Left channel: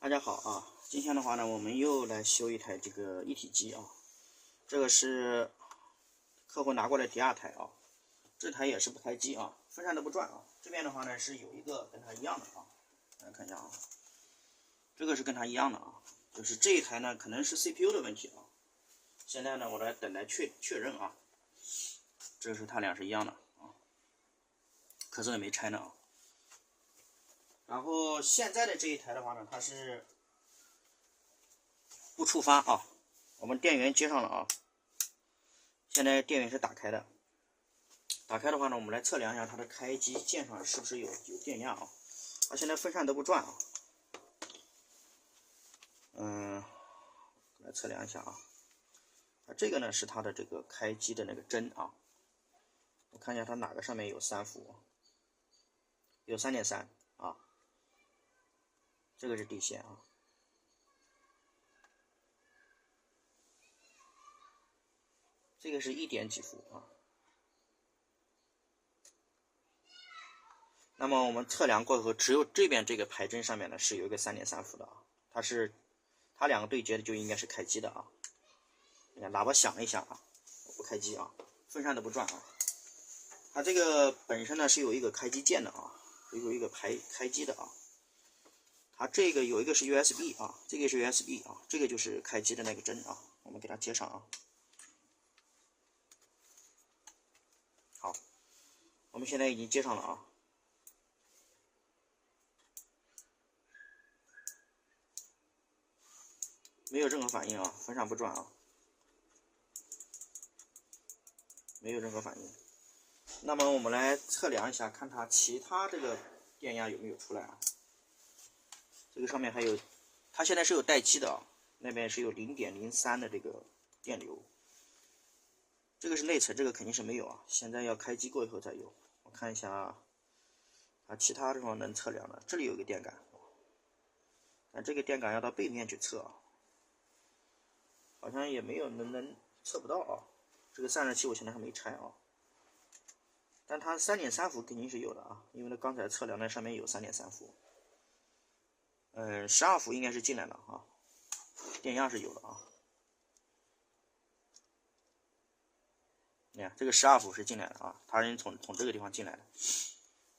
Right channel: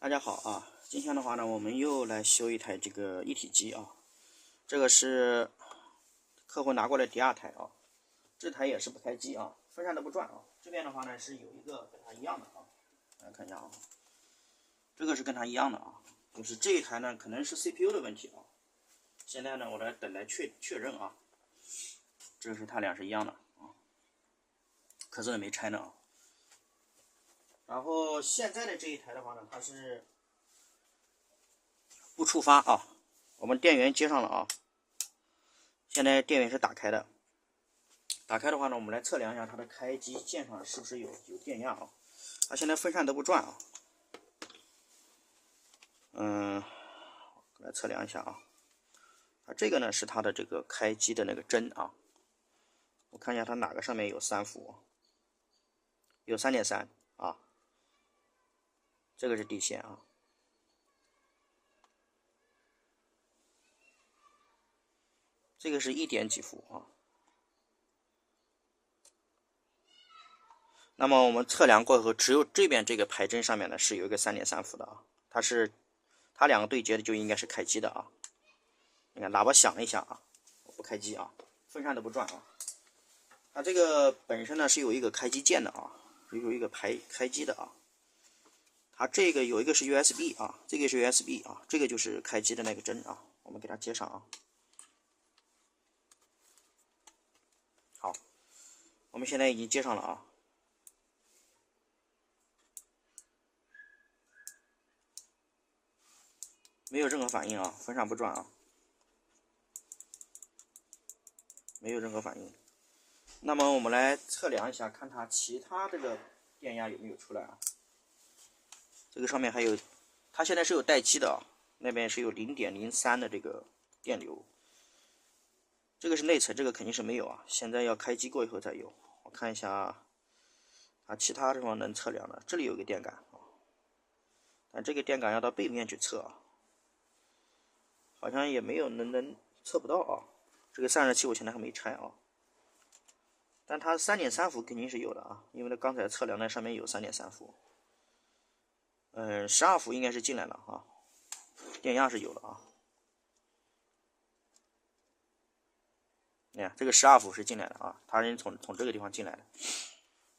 大家好啊，今天的话呢，我们又来修一台这个一体机啊。这个是客户拿过来第二台啊，这台也是不开机啊，风扇都不转啊。这边的话呢是有一个跟它一样的啊，来看一下啊，这个是跟它一样的啊，就是这一台呢可能是 CPU 的问题啊。现在呢我来等待确认啊，这是它俩是一样的啊，壳子也没拆呢啊。然后现在的这一台的话呢，它是不触发啊，我们电源接上了啊，现在电源是打开的。打开的话呢，我们来测量一下它的开机键上是不是有电压啊。它现在风扇都不转啊。来测量一下啊。这个呢是它的这个开机的那个针啊。我看一下它哪个上面有3伏，有 3.3 啊。这个是底线啊。这个是1点几伏啊。那么我们测量过后，只有这边这个排针上面呢是有一个 3.3 伏的啊，它两个对接的就应该是开机的啊。你看喇叭响了一下啊，不开机啊，风扇都不转啊。它这个本身呢是有一个开机键的啊，有一个开机的啊。它这个有一个是 USB 啊，这个是 USB 啊，这个就是开机的那个针啊，我们给它接上啊。好，我们现在已经接上了啊。没有任何反应啊，风扇不转啊，没有任何反应。那么我们来测量一下，看它其他这个电压有没有出来啊？这个上面还有，它现在是有待机的啊，那边是有 0.03 的这个电流。这个是内层，这个肯定是没有啊，现在要开机过以后再有。我看一下啊，其他地方能测量的，这里有个电感啊，但这个电感要到背面去测啊。好像也没有能测不到啊。这个散热器我现在还没拆啊，但它 3.3 伏肯定是有的啊，因为它刚才测量那上面有 3.3 伏。12伏应该是进来了啊，电压是有的啊。你看这个12伏是进来的啊，它是从这个地方进来的。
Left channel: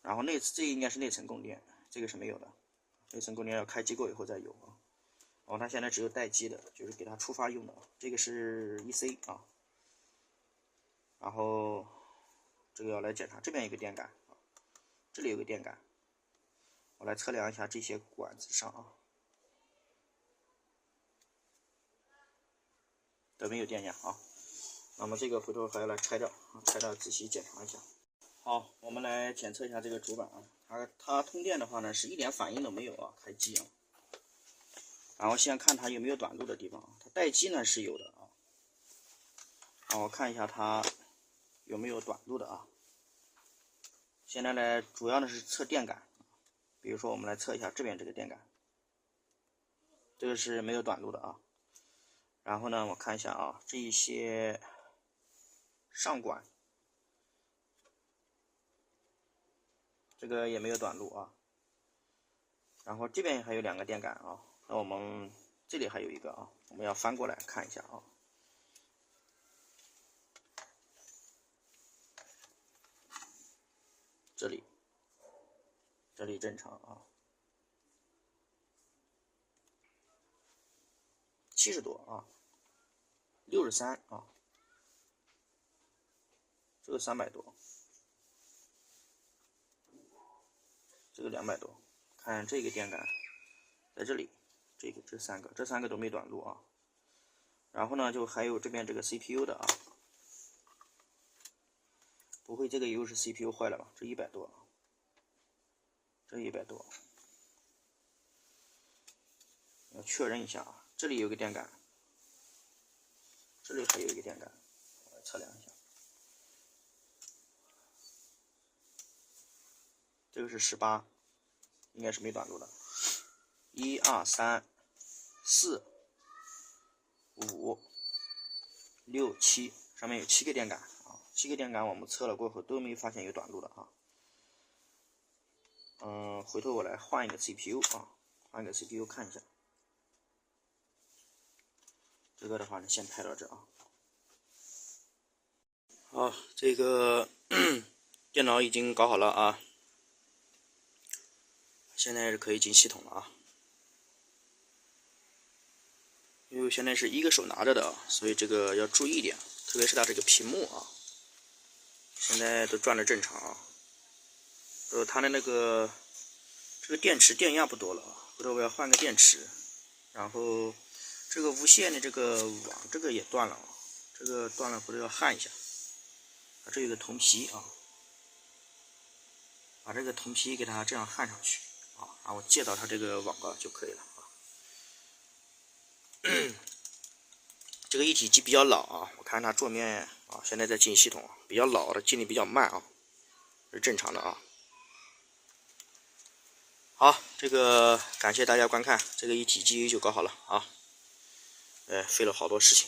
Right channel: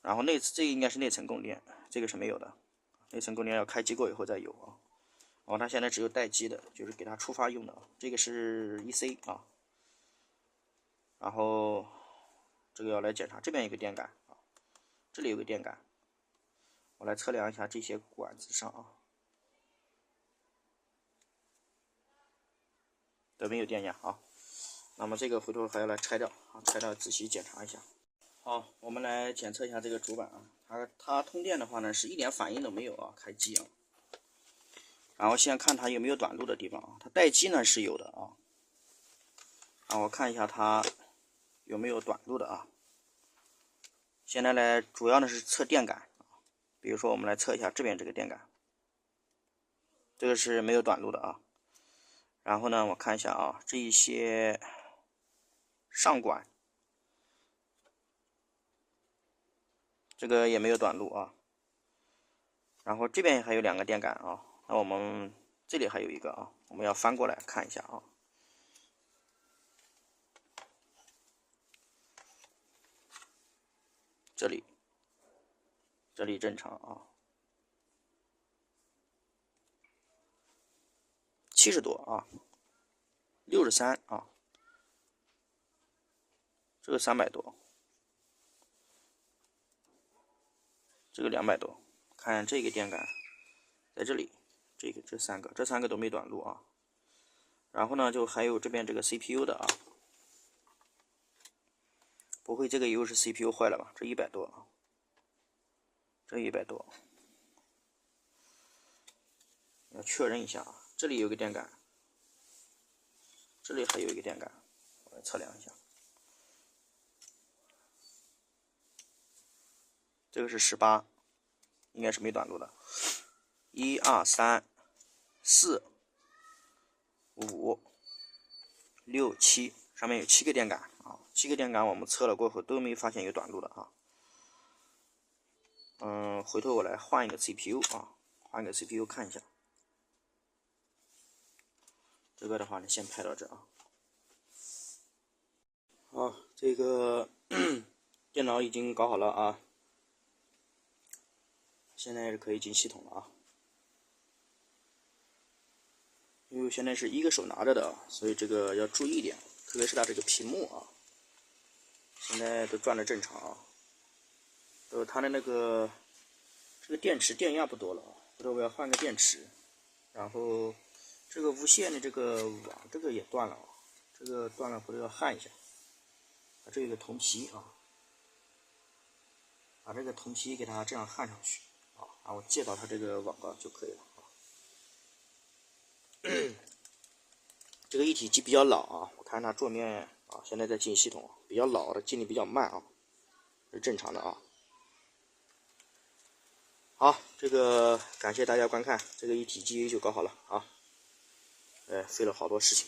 然后这个应该是内层供电，这个是没有的，内层供电要开机过以后再有啊。然后它现在只有待机的，就是给它触发用的。这个是 EC 啊，然后这个要来检查，这边有个电感啊，这里有个电感，我来测量一下这些管子上啊，都没有电压啊。那么这个回头还要来拆掉啊，拆掉仔细检查一下。好，我们来检测一下这个主板啊，它通电的话呢是一点反应都没有啊，开机啊。然后先看它有没有短路的地方啊，它待机呢是有的啊。我看一下它有没有短路的啊。现在呢，主要的是测电感，比如说我们来测一下这边这个电感，这个是没有短路的啊。然后呢，我看一下啊，这一些上管，这个也没有短路啊。然后这边还有2个电感啊，那我们这里还有一个啊，我们要翻过来看一下啊。这里正常啊，70多啊，63啊，这个300多，这个200多。看这个电感在这里，这3个都没短路啊。然后呢，就还有这边这个 CPU 的啊，不会这个又是 CPU 坏了吧？这100多啊，这100多，要确认一下啊。这里有个电感，这里还有一个电感，我来测量一下。这个是18，应该是没短路的。1、2、3、4、5、6、7，上面有7个电感啊，7个电感我们测了过后都没发现有短路的啊。回头我来换一个 CPU 啊，换一个 CPU 看一下。这个的话呢，先拍到这啊。好，这个电脑已经搞好了啊，现在是可以进系统了啊。因为现在是一个手拿着的，所以这个要注意一点，特别是它这个屏幕啊，现在都转的正常啊。它的那个这个电池电压不多了，回头我要换个电池。然后这个无线的这个网这个也断了，这个断了回头要焊一下。这有个铜皮啊，把这个铜皮给它这样焊上去啊，然后接到它这个网高就可以了啊。这个一体机比较老啊，我看它桌面啊，现在在进系统，比较老的进的比较慢啊，是正常的啊。好，这个感谢大家观看，这个一体机就搞好了啊。费了好多事情，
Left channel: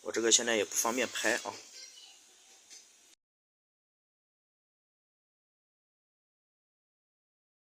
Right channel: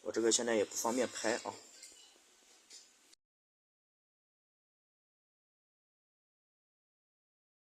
我这个现在也不方便拍啊。